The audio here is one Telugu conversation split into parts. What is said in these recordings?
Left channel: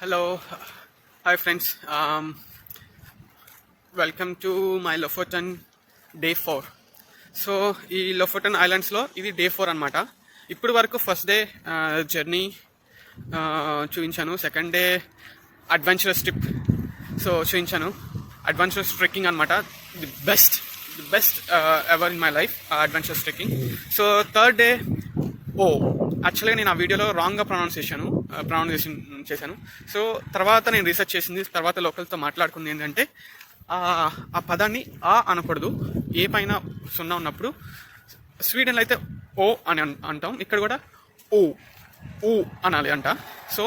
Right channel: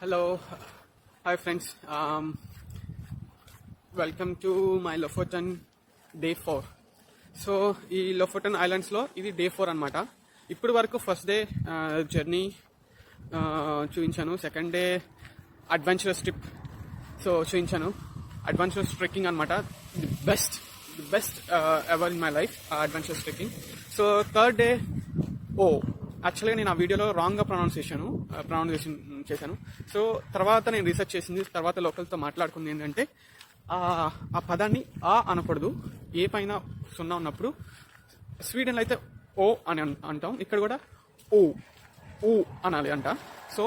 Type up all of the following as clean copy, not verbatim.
Hello, hi friends. Welcome to my Lofoten day 4. So ఈ లోఫోటన్ ఐలాండ్స్లో ఇది డే 4 అనమాట. ఇప్పుడు వరకు ఫస్ట్ డే జర్నీ చూపించాను, సెకండ్ డే అడ్వెంచరస్ ట్రిప్ చూపించాను, అడ్వెంచరస్ ట్రెక్కింగ్ అనమాట. The best ever in my life adventurous trekking. So third day యాక్చువల్గా నేను ఆ వీడియోలో రాంగ్గా ప్రొనౌన్సియేషన్ చేశాను. సో తర్వాత నేను రీసెర్చ్ చేసింది, తర్వాత లోకల్తో మాట్లాడుకుంది ఏంటంటే ఆ పదాన్ని అనకూడదు. ఏ పైన సున్నా ఉన్నప్పుడు స్వీడన్లో అయితే ఓ అని అంటాం, ఇక్కడ కూడా ఊ అనాలి అంట. సో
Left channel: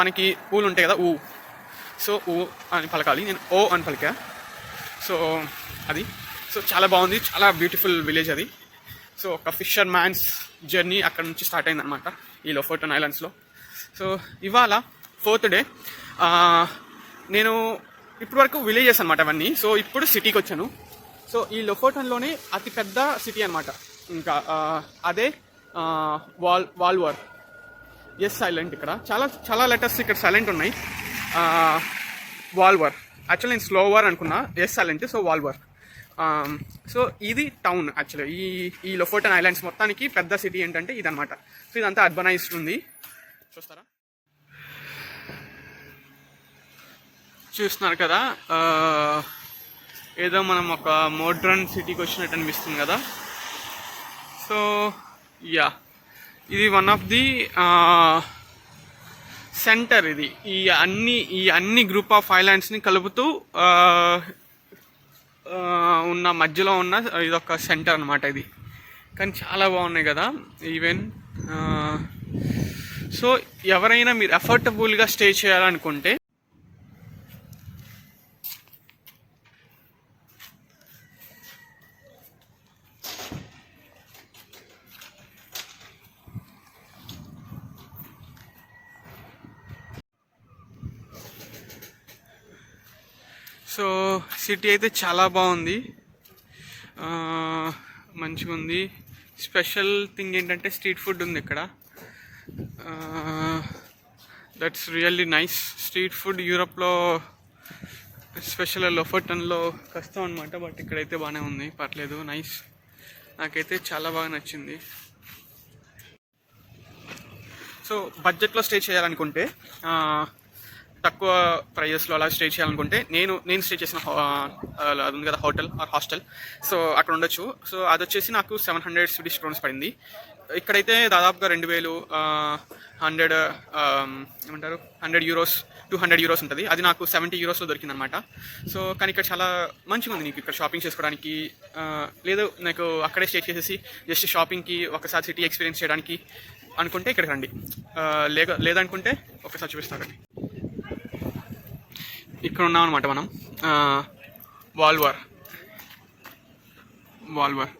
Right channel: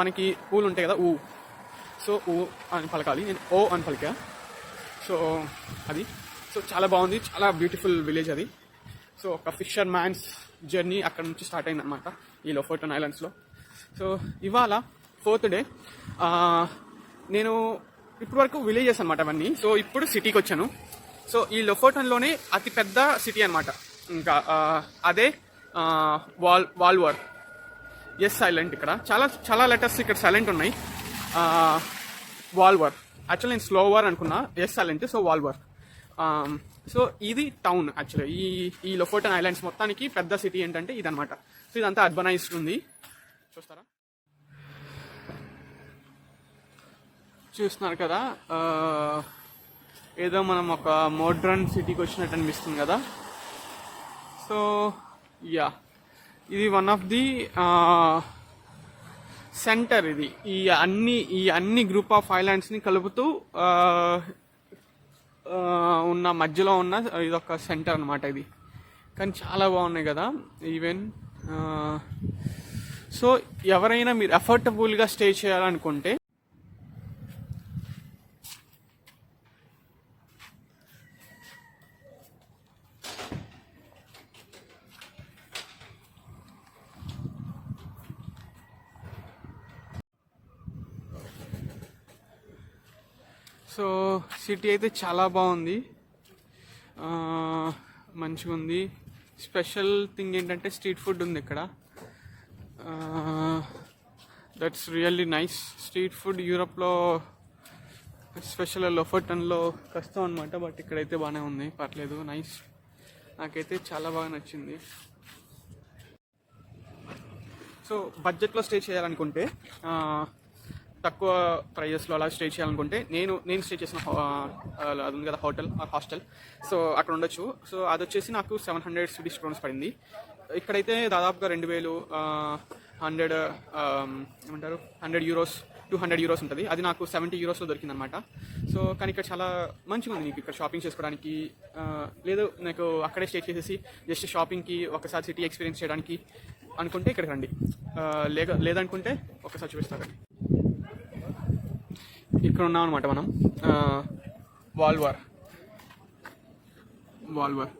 మనకి ఊలు ఉంటాయి కదా, సో ఊ అని పలకాలి, నేను ఓ అని పలికా. సో అది చాలా బాగుంది, చాలా బ్యూటిఫుల్ విలేజ్ అది. సో ఒక ఫిషర్ మ్యాన్స్ జర్నీ అక్కడ నుంచి స్టార్ట్ అయిందనమాట ఈ లోఫోటన్ ఐలాండ్స్లో. సో ఇవాళ 4th డే. నేను ఇప్పటివరకు విలేజెస్ అనమాట అవన్నీ. సో ఇప్పుడు సిటీకి వచ్చాను. సో ఈ లోఫోటన్లోనే అతి పెద్ద సిటీ అనమాట. ఇంకా అదే వాల్వర్. Yes silent. ఇక్కడ చాలా లెటర్స్ ఇక్కడ సైలెంట్ ఉన్నాయి. వాల్వర్ యాక్చువల్లీ నేను స్లోవర్ అనుకున్నా, ఎస్ సైలెంట్, సో వాల్వర్. సో ఇది టౌన్ యాక్చువల్గా. ఈ లోఫోటన్ ఐలాండ్స్ మొత్తానికి పెద్ద సిటీ ఏంటంటే ఇదనమాట. సో ఇదంతా అర్బనైజ్డ్ ఉంది, చూస్తారా, చూస్తున్నారు కదా. ఏదో మనం ఒక మోడ్రన్ సిటీకి వచ్చినట్టు అనిపిస్తుంది కదా. సో ఇది వన్ ఆఫ్ ది సెంటర్. ఇది ఈ అన్ని గ్రూప్ ఆఫ్ ఐలాండ్స్ని కలుపుతూ ఉన్న మధ్యలో ఉన్న ఇదొక సెంటర్ అనమాట ఇది. కానీ చాలా బాగున్నాయి కదా ఈవెన్. సో ఎవరైనా మీరు అఫోర్డబుల్గా స్టే చేయాలనుకుంటే సో సిటీ అయితే చాలా బాగుంది, మంచిగా ఉంది. స్పెషల్ థింగ్ ఏంటంటే స్ట్రీట్ ఫుడ్ ఉంది ఇక్కడ. That's really nice. Street food యూరోప్లో స్పెషల్ లోఫోటన్లో కష్టం అనమాట, బట్ ఇక్కడైతే బాగానే ఉంది, పర్లేదు, నైస్. నాకైతే చాలా బాగా నచ్చింది. సో బడ్జెట్లో స్టే చేయాలనుకుంటే, తక్కువ ప్రైజెస్లో అలా స్టే చేయాలనుకుంటే నేను స్టే చేసిన అది ఉంది కదా, హోటల్ ఆర్ హాస్టల్, సో అక్కడ ఉండొచ్చు. సో అది వచ్చేసి నాకు 700 స్వీడిష్ క్రోన్స్ పడింది. ఇక్కడైతే దాదాపుగా 2000 100 యూరోస్ 200 యూరోస్ ఉంటుంది. అది నాకు 70 యూరోస్లో దొరికింది అనమాట. సో కానీ ఇక్కడ చాలా మంచిగా ఉంది. నీకు ఇక్కడ షాపింగ్ చేసుకోవడానికి, లేదు నాకు అక్కడే స్టే చేసేసి జస్ట్ షాపింగ్కి ఒకసారి సిటీ ఎక్స్పీరియన్స్ చేయడానికి అనుకుంటే ఇక్కడికి రండి. లేదనుకుంటే ఒకసారి చూపిస్తారండి. ఇక్కడ ఉన్నాం అనమాట మనం. వాల్వర్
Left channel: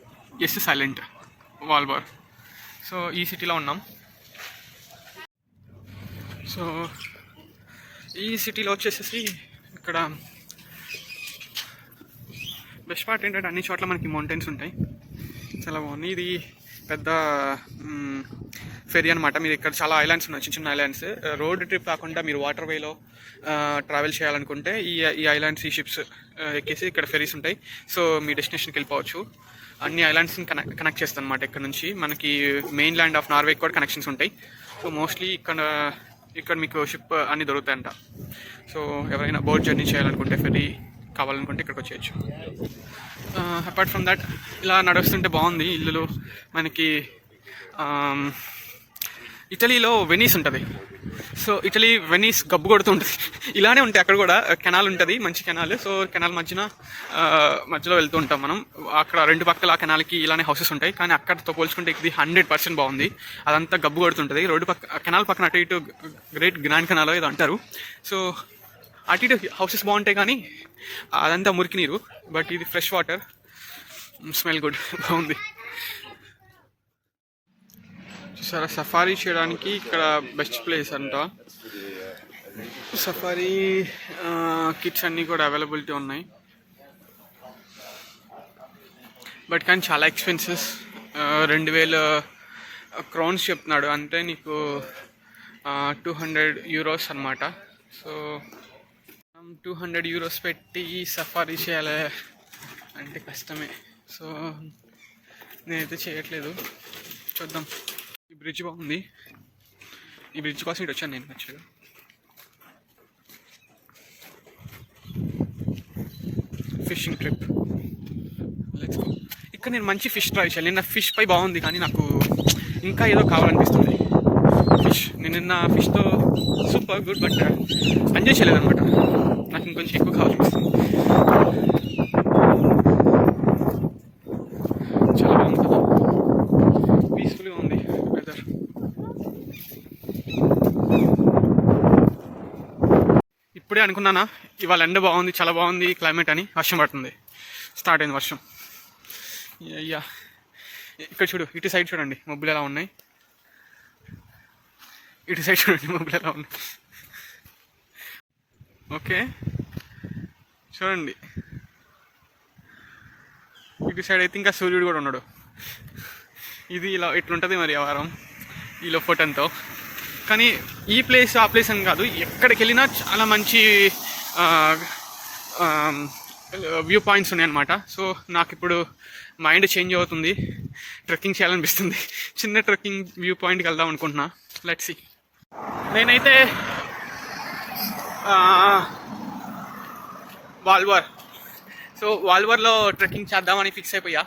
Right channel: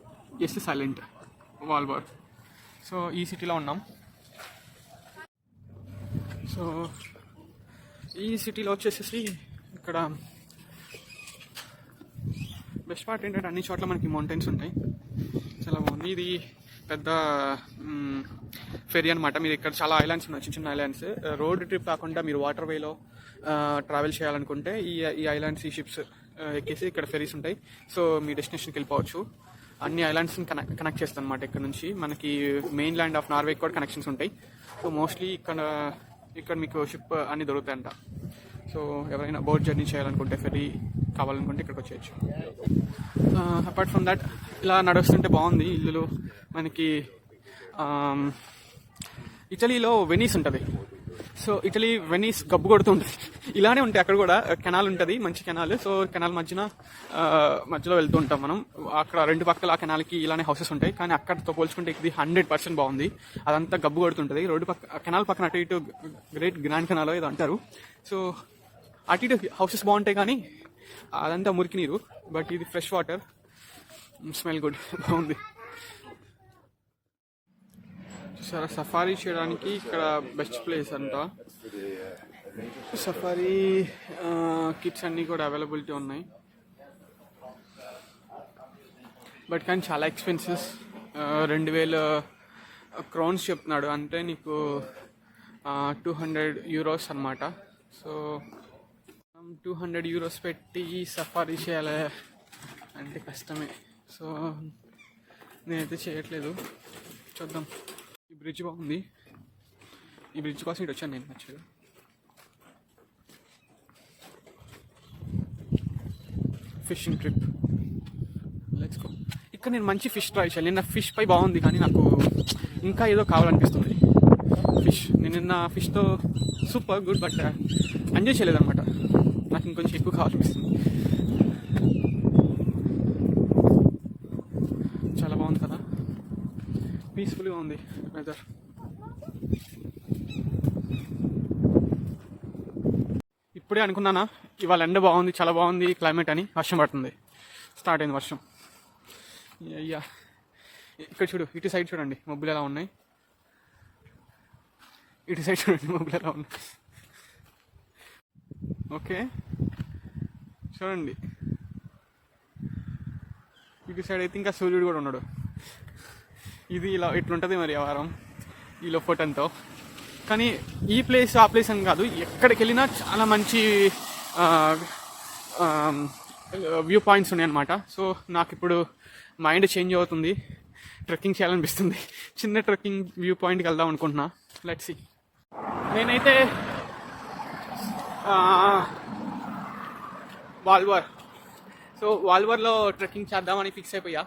ఎస్ సైలెంట్, వాల్వర్. సో ఈ సిటీలో ఉన్నాం. సో ఈ సిటీలో వచ్చేసేసి ఇక్కడ బెస్ట్ పార్ట్ ఏంటంటే అన్ని చోట్ల మనకి మౌంటైన్స్ ఉంటాయి, చాలా బాగుంది. ఇది పెద్ద ఫెరీ అనమాట. మీరు ఇక్కడ చాలా ఐలాండ్స్ ఉన్నాయి, చిన్న చిన్న ఐలాండ్స్. రోడ్ ట్రిప్ కాకుండా మీరు వాటర్ వేలో ట్రావెల్ చేయాలనుకుంటే ఈ ఐలాండ్స్, ఈ షిప్స్ ఎక్కేసి ఇక్కడ ఫెరీస్ ఉంటాయి. సో మీ డెస్టినేషన్కి వెళ్ళిపోవచ్చు. అన్ని ఐలాండ్స్ని కనెక్ట్ చేస్తాను అనమాట. ఇక్కడ నుంచి మనకి మెయిన్ ల్యాండ్ ఆఫ్ నార్వే కూడా కనెక్షన్స్ ఉంటాయి. సో మోస్ట్లీ ఇక్కడ మీకు షిప్ అన్నీ దొరుకుతాయంట. సో ఎవరైనా బోట్ జర్నీ చేయాలనుకుంటే, ఫెరీ కావాలనుకుంటే ఇక్కడికి వచ్చేయచ్చు. అపార్ట్ ఫ్రమ్ దట్ ఇలా నడుస్తుంటే బాగుంది. ఇల్లులు మనకి ఇటలీలో వెనీస్ ఉంటుంది. సో వెనీస్ గబ్బు కొడుతూ ఉంటుంది. ఇలానే ఉంటాయి అక్కడ కూడా. కెనాల్ ఉంటుంది, మంచి కెనాల్. సో కెనాల్ మధ్యలో వెళ్తూ ఉంటాం మనం. అక్కడ రెండు పక్కల ఆ కెనాల్కి ఇలానే హౌసెస్ ఉంటాయి. కానీ అక్కడతో పోల్చుకుంటే ఇది 100% బాగుంది. అదంతా గబ్బు కొడుతుంటుంది. కెనాల్ పక్కన అటు ఇటు గ్రేట్ గ్రాండ్ కెనాల్ ఏదో అంటారు. సో అటు ఇటు హౌసెస్ బాగుంటాయి, కానీ అదంతా మురికి నీరు. బట్ ఇది ఫ్రెష్ వాటర్, స్మెల్ గుడ్, బాగుంది. చూసారా, సఫారీ చేయడానికి ఇక్కడ బెస్ట్ ప్లేస్ అంట. సఫారీ కిట్స్ అన్నీ కూడా అవైలబిలిటీ ఉన్నాయి. బట్ కానీ చాలా ఎక్స్పెన్సెస్. 2000 క్రౌన్స్ చెప్తున్నాడు, అంటే నీకు 200 యూరోస్ అనమాట. సో 200 euros పెట్టి సఫారీ చేయాలి అంటే కష్టమే. సో నేనైతే చేయట్లేదు. చూద్దాం. ఈ బ్రిడ్జ్ బాగుంది. ఈ బ్రిడ్జ్ కోసం ఇటు వచ్చాను నేను యాక్చువల్గా. Fishing trip, let's go. ఇక్కడ నేను మంచి ఫిష్ ట్రై చేయాలి. నిన్న ఫిష్ పై బాగుంది కానీ నాకు ఇంకా ఏదో కావాలనిపిస్తుంది. ఫిష్ నేను నిన్న ఫిష్తో సూపర్ గుడ్, బట్ ఎంజాయ్ చేయలేదన్నమాట. నాకు ఇంకొంచెం ఎక్కువ కావాలనిపిస్తుంది. చాలా బాగుంది కదా, పీస్ఫుల్గా ఉంది వెదర్. ఇప్పుడే అనుకున్నానా ఇవాళ ఎండ బాగుంది, చాలా బాగుంది క్లైమేట్ అని. వర్షం పడుతుంది, స్టార్ట్ అయింది వర్షం. అయ్యా ఇక్కడ చూడు, ఇటు సైడ్ చూడండి మబ్బులు ఎలా ఉన్నాయి. ఇటు సైడ్ చూడండి మబ్బులు ఎలా ఉన్నాయి. ఓకే చూడండి, ఇటు సైడ్ అయితే ఇంకా సూర్యుడు కూడా ఉన్నాడు. ఇది ఇలా ఇట్లుంటుంది మరి ఆ వారం ఈ లోఫోటన్తో. కానీ ఈ ప్లేస్ ఆ ప్లేస్ అని కాదు, ఎక్కడికి వెళ్ళినా చాలా మంచి వ్యూ పాయింట్స్ ఉన్నాయన్నమాట. సో నాకు ఇప్పుడు మైండ్ చేంజ్ అవుతుంది, ట్రెక్కింగ్ చేయాలనిపిస్తుంది. చిన్న ట్రెక్కింగ్ వ్యూ పాయింట్కి వెళ్దాం అనుకుంటున్నా. Let's see. నేనైతే వాల్వర్, సో వాల్వర్లో ట్రెక్కింగ్ చేద్దామని ఫిక్స్ అయిపోయా.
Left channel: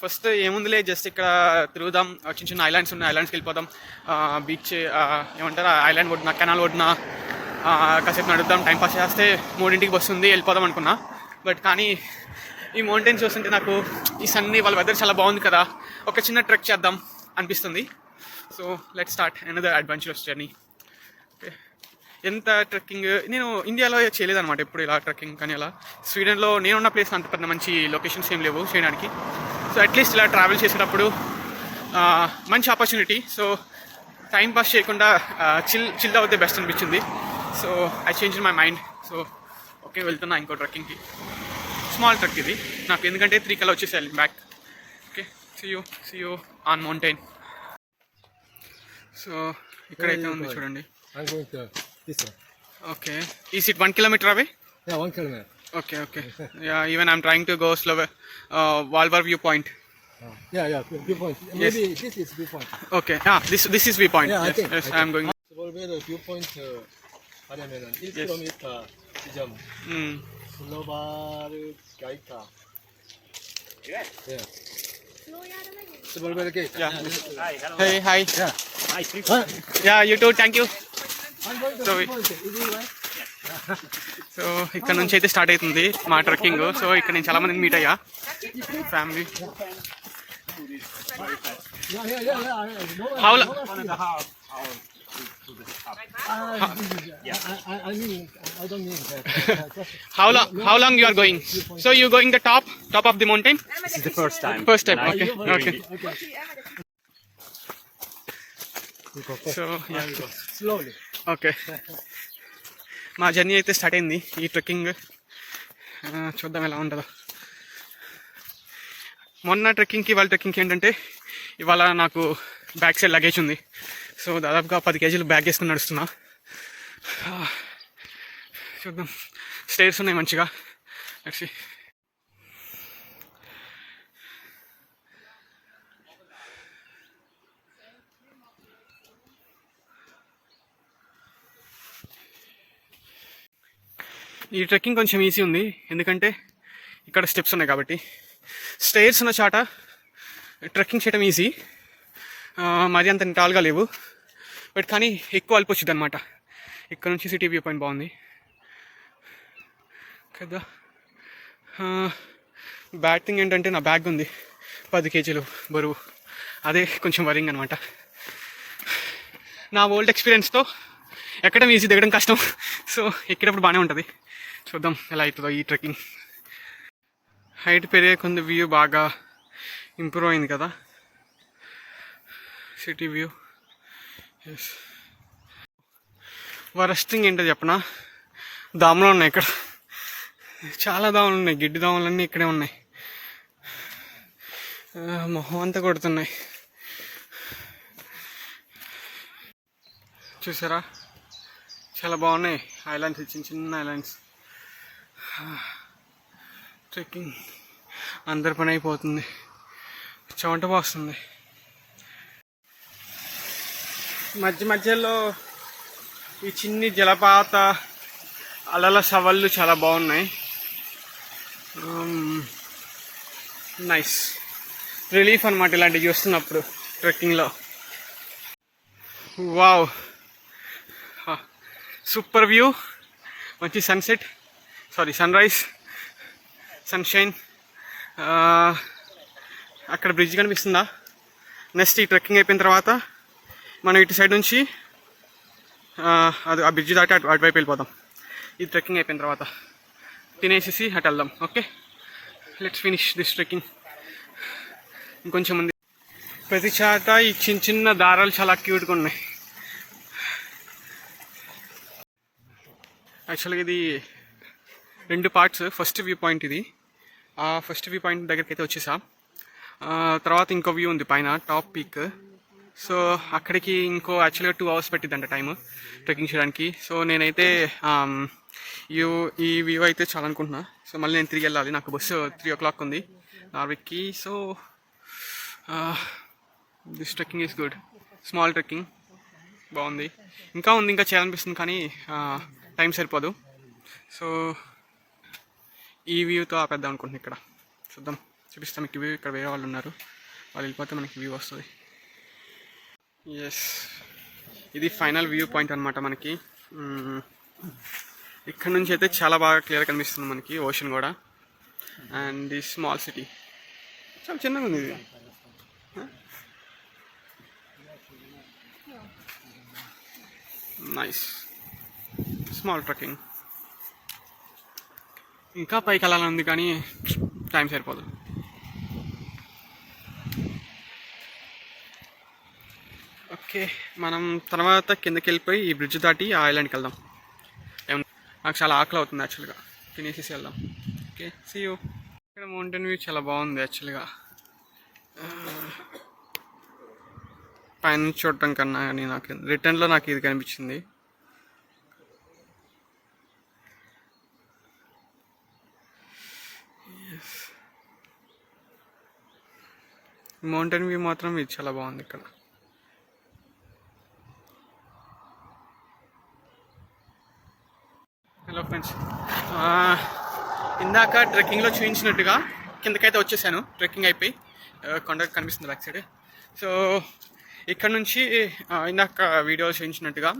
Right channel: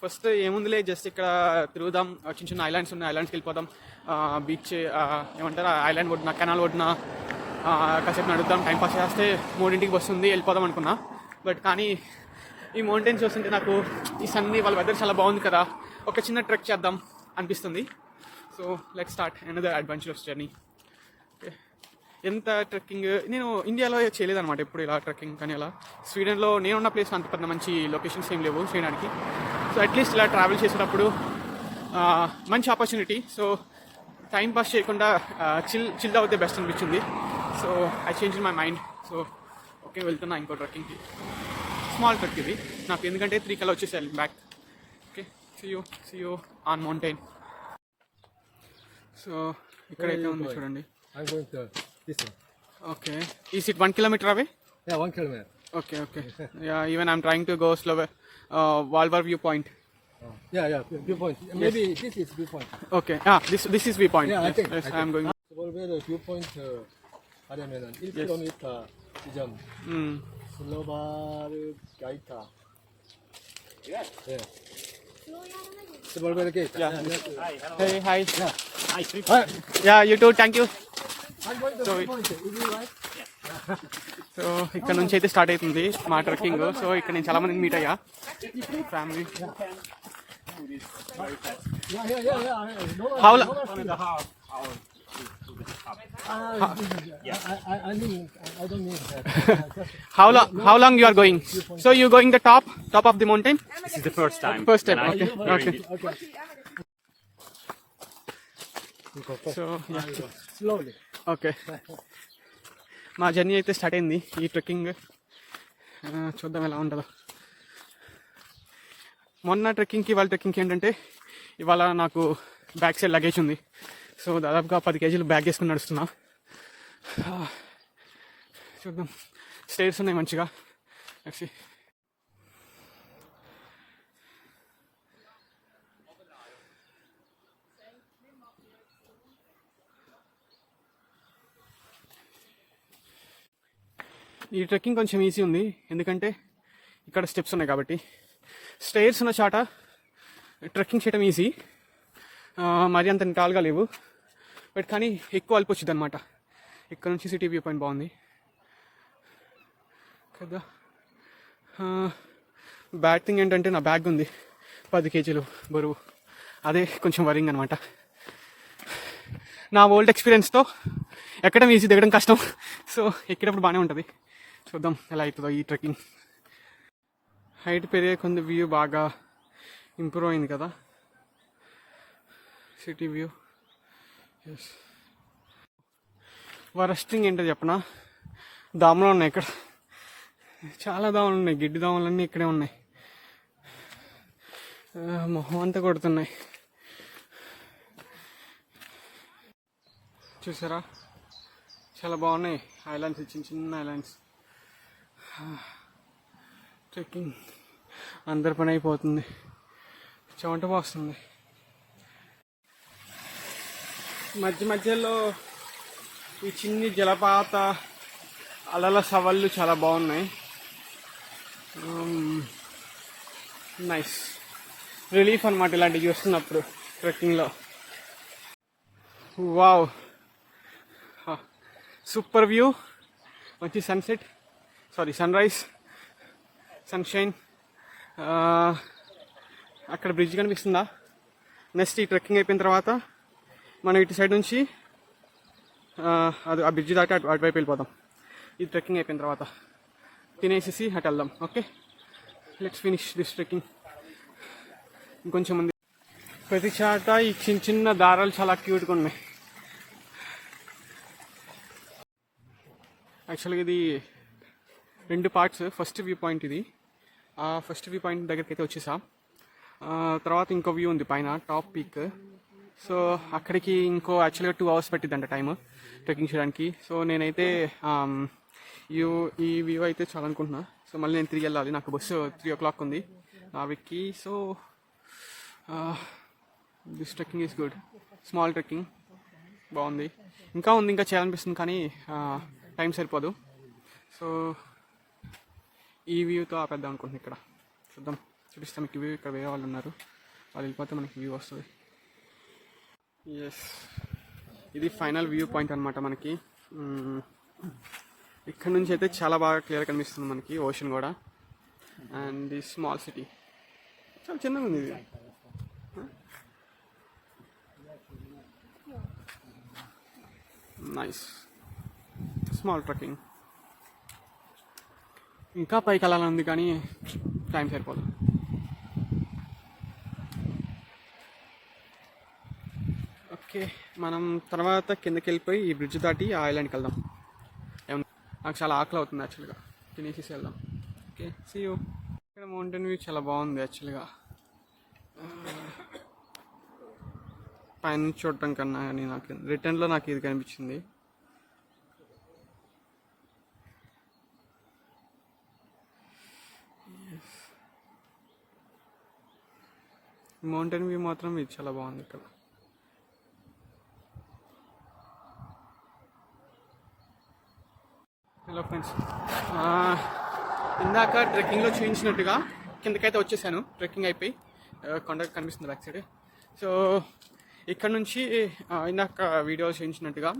ఫస్ట్ ఏముందిలే, జస్ట్ ఇక్కడ తిరుగుదాం. చిన్న చిన్న ఐలాండ్స్ ఉన్నాయి, ఐలాండ్స్కి వెళ్ళిపోదాం. బీచ్ ఏమంటారు, ఐలాండ్ ఒడ్డున, కెనాల్ ఒడ్డున కాసేపు నడుద్దాం, టైంపాస్ చేస్తే 3ంటికి వస్తుంది, వెళ్ళిపోదాం అనుకున్నా. బట్ కానీ ఈ మౌంటైన్స్ చూస్తుంటే నాకు ఈ సన్నీ వాళ్ళ వెదర్ చాలా బాగుంది కదా, ఒక చిన్న ట్రెక్ చేద్దాం అనిపిస్తుంది. So let start another adventurous journey. Okay, ఎంత ట్రెక్కింగ్ నేను ఇండియాలో చేయలేదన్నమాట ఎప్పుడు ఇలా ట్రెక్కింగ్. కానీ అలా స్వీడన్లో నేనున్న ప్లేస్ అంత పెద్ద మంచి లొకేషన్స్ ఏం లేవు చేయడానికి. సో అట్లీస్ట్ ఇలా ట్రావెల్ చేసేటప్పుడు మంచి ఆపర్చునిటీ. సో టైం పాస్ చేయకుండా చిల్ అవుతే బెస్ట్ అనిపించింది. So I change my mind. So okay, వెళ్తున్నా ఇంకో ట్రెక్కింగ్కి. స్మాల్ ట్రెక్ ఇది నాకు, ఎందుకంటే 3 కల్లా వచ్చేసేయాలి back. Okay, see you on mountain. So ఇక్కడైతే ఉంది చూడండి. Okay. Is it 1 kilometer away? Yeah, 1 kilometer. Okay. Yeah, even I'm trying to go slower. Valvar viewpoint. Yeah, viewpoint. Maybe this is viewpoint. Okay. This is viewpoint. Yeah, I think. I'm going. Valvar viewpoint 하려면은 1km 지점. 슬로바르 가이타. Yeah. Valvar gate. Yeah. Hi. Yeah. Yeah, you too. Thank you. I'm going to Sorry. viewpoint. Is it right? So ఇక్కడ నుంచి అయితే స్టార్ట్ అవుతుంది మా ట్రెక్కింగ్. సో ఇక్కడ నేను చాలా మందిని మీట్ అయ్యా, family. How long? I don't need that. How long you are going? So you going the top of the mountain? This is the first time. First time. Okay. So yeah. Slowly. Okay, మా జర్నీ అయితే స్టార్ట్ అయింది. ఈ ట్రెక్కింగ్ చూద్దాం ఎలా ఉంటుందో. మొన్న ట్రెక్కింగ్కి ఇవాళ ట్రెక్కింగ్కి ఏంటంటే, ఇవాళ నాకు బ్యాక్ సైడ్ లగేజ్ ఉంది. సో దాదాపుగా 10 kg బ్యాగ్ వేసుకుని నడుస్తున్నా. చూద్దాం, స్టేర్స్ ఉన్నాయి మంచిగా. Let's see. ఈ ట్రెక్కింగ్ కొంచెం ఈజీ ఉంది, ఎందుకంటే ఇక్కడ స్టెప్స్ ఉన్నాయి కాబట్టి. స్టేర్స్ ఉన్న చాట ట్రెక్కింగ్ చేయడం ఈజీ, మరి అంత టాల్గా లేవు. బట్ కానీ ఎక్కువ అల్పు వచ్చింది అనమాట. ఇక్కడ నుంచి సిటీ వ్యూ పాయింట్ బాగుంది కదా. బ్యాడ్ థింగ్ ఏంటంటే నా బ్యాగ్ ఉంది 10 kg బరువు, అదే కొంచెం వరింగ్ అనమాట. నా ఓల్డ్ ఎక్స్పీరియన్స్తో ఎక్కడం ఈజీ, దిగడం కష్టం. సో ఎక్కేటప్పుడు బాగానే ఉంటుంది. చూద్దాం ఎలా అవుతుందో ఈ ట్రెక్కింగ్. హైట్ పెరిగే కొంత వ్యూ బాగా ఇంప్రూవ్ అయింది కదా, సిటీ వ్యూ. ఎస్, వరస్టింగ్ ఏంటో చెప్పనా, దోమలు ఉన్నాయి ఇక్కడ, చాలా దోమలు ఉన్నాయి. గిడ్డి దోమలన్నీ ఇక్కడే ఉన్నాయి, మొహం అంతా కొడుతున్నాయి. చూసారా చాలా బాగున్నాయి ఐలాండ్స్, చిన్న చిన్న ఐలాండ్స్. ట్రెక్కింగ్ అందరి పని అయిపోతుంది, చెమట పోస్తుంది. మధ్య మధ్యలో ఈ చిన్ని జలపాత అలల సవళ్ళు చాలా బాగున్నాయి. నైస్ రిలీఫ్ అనమాట ఇలాంటివి చూస్తున్నప్పుడు ట్రెక్కింగ్లో. వావ్, సూపర్ వ్యూ, మంచి సన్సెట్, సన్ రైజ్, సన్షైన్. అక్కడ బ్రిడ్జ్ కనిపిస్తుందా? నెక్స్ట్ ఈ ట్రెక్కింగ్ అయిపోయిన తర్వాత మనం ఇటు సైడ్ నుంచి అది ఆ బ్రిడ్జ్ దాటి అటువైపు వెళ్ళిపోదాం. ఈ ట్రెక్కింగ్ అయిపోయిన తర్వాత తినేసేసి అటు వెళ్దాం. Okay, let's finish this trekking. ఇంకొంచెం ఉంది. ప్రతి చాట ఈ చిన్న చిన్న దారాలు చాలా క్యూట్గా ఉన్నాయి. యాక్చువల్గా ఇది 2 పార్ట్స్. ఫస్ట్ వ్యూ పాయింట్ ఇది. ఆ ఫస్ట్ వ్యూ పాయింట్ దగ్గరికి అయితే వచ్చేసా. తర్వాత ఇంకో వ్యూ ఉంది పైన టాప్ పీక్. సో అక్కడికి యాక్చువల్గా 2 hours పట్టిద్దంట టైం ట్రెక్కింగ్ చేయడానికి. సో నేనైతే ఈ వ్యూ అయితే చాలా అనుకుంటున్నా. సో మళ్ళీ నేను తిరిగి వెళ్ళాలి, నాకు బస్సు 3 o'clock ఉంది నార్విక్కి. So this trekking is good, small trekking, బాగుంది. ఇంకా చేయాలనిపిస్తుంది కానీ టైం సరిపోదు. సో ఈ వ్యూతో ఆపేద్దాం అనుకుంటున్నాను. ఇక్కడ చూద్దాం, చూపిస్తాం మీకు వ్యూ. ఇక్కడ వేరే వాళ్ళు ఉన్నారు, వాళ్ళు వెళ్ళిపోతే మనకి వ్యూ వస్తుంది. ఎస్, ఇది ఫైనల్ వ్యూ పాయింట్ అనమాట మనకి. ఇక్కడ నుంచి అయితే చాలా బాగా క్లియర్ కనిపిస్తుంది మనకి ఓషన్ కూడా. అండ్ ది స్మాల్ సిటీ చాలా చిన్నగా ఉంది ఇది. Nice small trekking. ఇంకా పైకి వెళ్ళాలని ఉంది కానీ టైం సరిపోదు. ఓకే, మనం తర్వాత కిందకి వెళ్ళిపోయి ఈ బ్రిడ్జ్ దాటి ఆ ఐలాండ్కి వెళ్దాం. నాకు చాలా ఆకలి అవుతుంది యాక్చువల్గా, తినేసేసి వెళ్దాం. Okay, see you. ఇక్కడ మౌంటైన్ వ్యూ చాలా బాగుంది యాక్చువల్గా. పైన చూడటం కన్నా కానీ రిటర్న్లో నాకు ఇది కనిపించింది. మౌంటైన్ వ్యూ మాత్రం ఇది చాలా బాగుంది ఇక్కడ. హలో ఫ్రెండ్స్, ఇందాక ట్రెక్కింగ్లో చూపించినట్టుగా కిందకైతే వచ్చేసాను. ట్రెక్కింగ్ అయిపోయి కొండ కనిపిస్తుంది బ్యాక్ సైడ్. సో ఇక్కడ నుంచి ఇందాక వీడియోలో చూపించినట్టుగా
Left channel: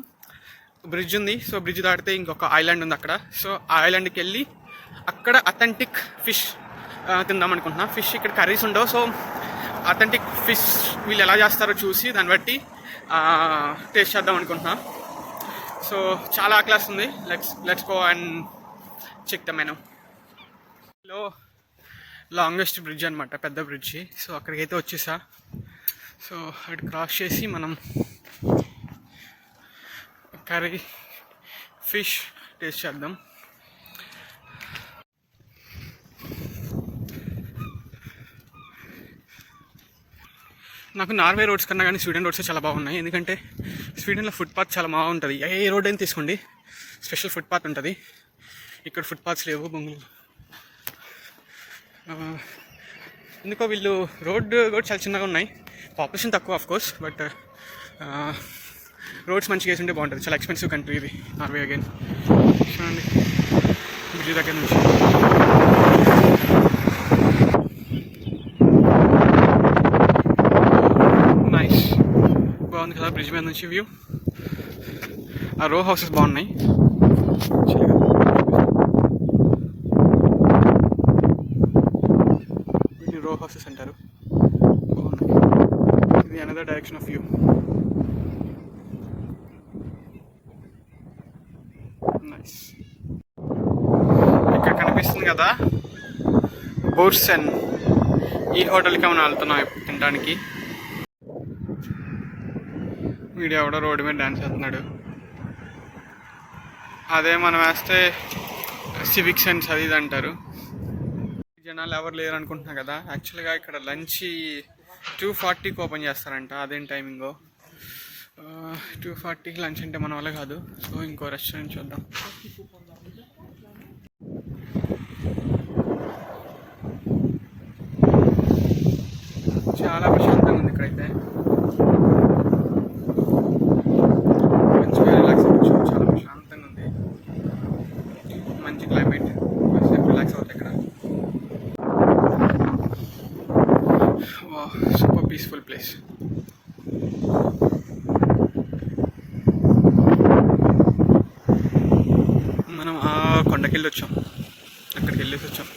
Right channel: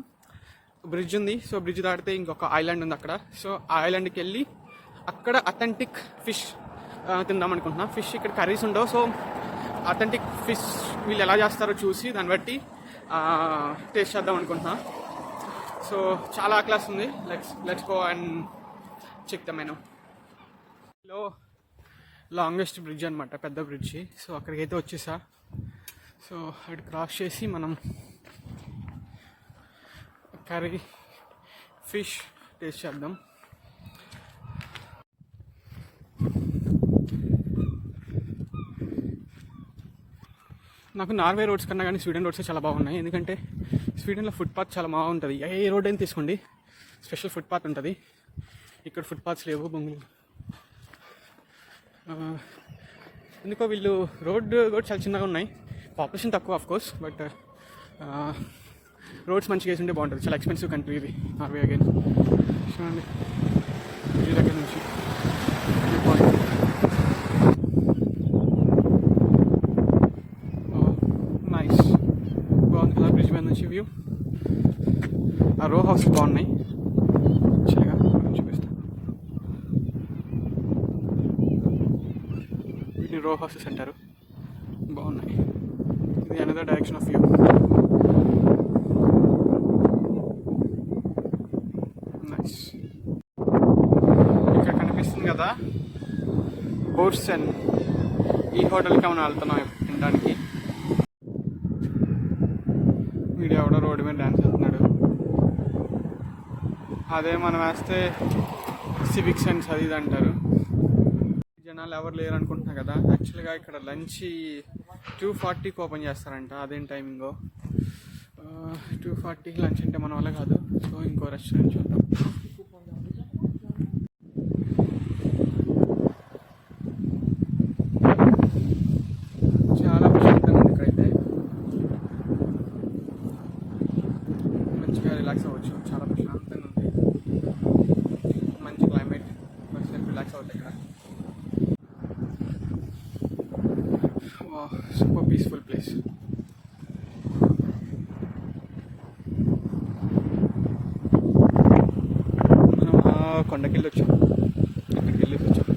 బ్రిడ్జ్ ఉంది. సో బ్రిడ్జ్ దాటితే ఇంకొక ఐలాండ్ ఉంది అక్కడ. సో ఆ ఐలాండ్కి వెళ్ళి అక్కడ అథెంటిక్ ఫిష్ తిందాం అనుకుంటున్నా. ఫిష్ ఇక్కడ కర్రీస్ ఉండవు. సో అథెంటిక్ ఫిష్ వీళ్ళు ఎలా చేస్తారో చూసి దాన్ని బట్టి టేస్ట్ చేద్దాం అనుకుంటున్నా. సో చాలా క్లాస్ ఉంది. Let's go and check the menu. లో లాంగెస్ట్ బ్రిడ్జ్ అనమాట, పెద్ద బ్రిడ్జి. సో అక్కడికైతే వచ్చేసా. సో అటు క్రాస్ చేసి మనం కర్రీ ఫిష్ టేస్ట్ చేద్దాం. నాకు నార్వే రోడ్స్ కన్నా కానీ స్వీడన్ రోడ్స్ చాలా బాగున్నాయి. ఎందుకంటే స్వీడన్లో ఫుట్పాత్ చాలా బాగుంటుంది. ఏ రోడ్ అయినా తీసుకోండి స్పెషల్ ఫుట్పాత్ ఉంటుంది. ఇక్కడ ఫుట్పాత్స్ లేవు బొంగులు. ఎందుకో వీళ్ళు రోడ్ కూడా చాలా చిన్నగా ఉన్నాయి. పాపులేషన్ తక్కువ ఆఫ్ కోర్స్, బట్ రోడ్స్ మంచిగా వేసి ఉంటే బాగుంటుంది. చాలా ఎక్స్పెన్సివ్ కంట్రీ ఇది నార్వే. అగైన్ చూడండి బ్రిడ్జ్ దగ్గర నుంచి. నైస్, బాగుంది కదా బ్రిడ్జ్ మీద నుంచి వ్యూ. ఆ రో హౌసెస్ బాగున్నాయి. వీటిని రో హౌసెస్ అంటారు, బాగున్నాయి. ఇది another direction of view. Nice. ఇక్కడ కనిపిస్తుంది కదా బోర్సెన్, ఈ హోటల్కి మనం వెళ్తున్నాం ఇప్పుడు తినడానికి. వీడియో కూడా రోడ్డు మీద డ్యాన్స్ చేస్తున్నాడు. అదే మనం వేస్తే సివిక్ సెన్స్ అది ఇది అంటారు. జనాలు ఎవరు లేరు అనుకుంటున్నా కదా. యాక్చువల్గా ఇక్కడ లంచ్ 2:40కి ఓపెన్ చేస్తారంట. అదేం టైమింగో 240 లంచ్ అంటే మన వల్ల కాదు, సో ఇంకో రెస్టారెంట్ చూద్దాం. చాలా ప్రశాంతంగా ఉంది ఇక్కడైతే, మంచిగా రిలాక్స్ అవ్వచ్చు. చాలా ప్రశాంతంగా ఉంది, మంచి క్లైమేట్, కాసేపు రిలాక్స్ అవుతాయి ఇక్కడ. Super peaceful place. మనం ఆ కొండకి వెళ్ళి వచ్చాం, అక్కడికి వెళ్ళేసి వచ్చాం.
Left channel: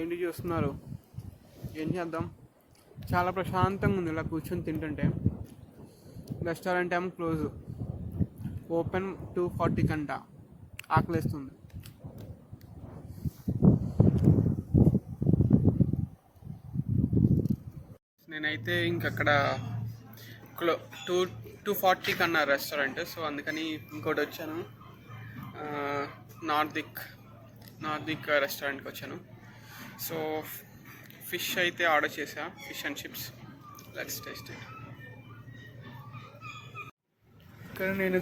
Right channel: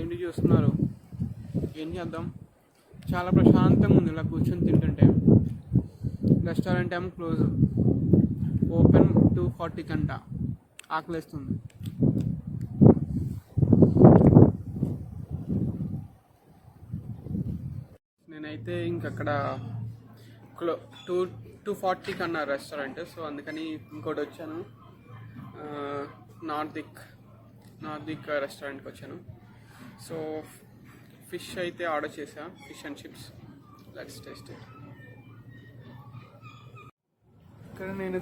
ఏంటి చూస్తున్నారు, ఏం చేద్దాం? చాలా ప్రశాంతంగా ఉంది ఇలా కూర్చొని తింటుంటే. రెస్టారెంట్ ఏమో క్లోజ్, ఓపెన్ 2:40 కంట. ఆకలేస్తుంది. నేనైతే ఇంకక్కడ 2:40 కన్నా రెస్టారెంట్, సో అందుకని ఇంకోటి వచ్చాను, నార్దిక్ రెస్టారెంట్కి వచ్చాను. సో ఫిష్ అయితే ఆర్డర్ చేసా, fish and chips. Let's taste it. ఇక్కడ నేను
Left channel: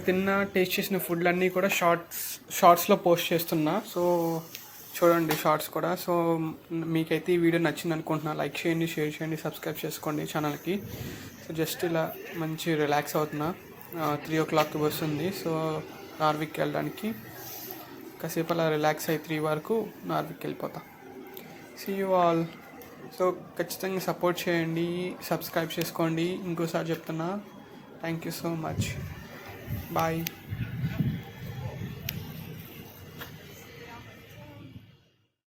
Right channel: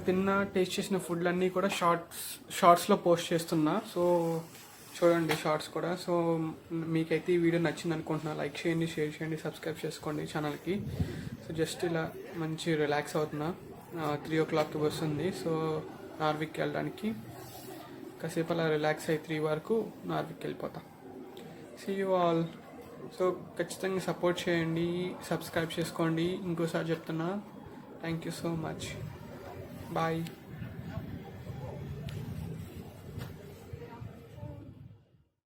టేస్ట్ చేసిన ఫుడ్ అన్నీ కూడా షార్ట్స్లో పోస్ట్ చేస్తున్నా, సో చూడండి షార్ట్స్ కూడా. సో మీకైతే ఈ వీడియో నచ్చింది అనుకుంటున్నా. లైక్ చేయండి, షేర్ చేయండి, సబ్స్క్రైబ్ చేసుకోండి ఛానల్కి. సో జస్ట్ ఇలా మంచి రిలాక్స్ అవుతున్నా. 3 o'clock బస్ ఉంది, సో నార్విక్ వెళ్ళడానికి. కాసేపు అలా రిలాక్స్ అయ్యి 3 వరకు నార్విక్ వెళ్ళిపోతా. See you all. సో ఖచ్చితంగా సపోర్ట్ చేయండి, సబ్స్క్రైబ్ చేసుకోండి. ఇంకోసారి చెప్తున్నా, thank you so much. Bye.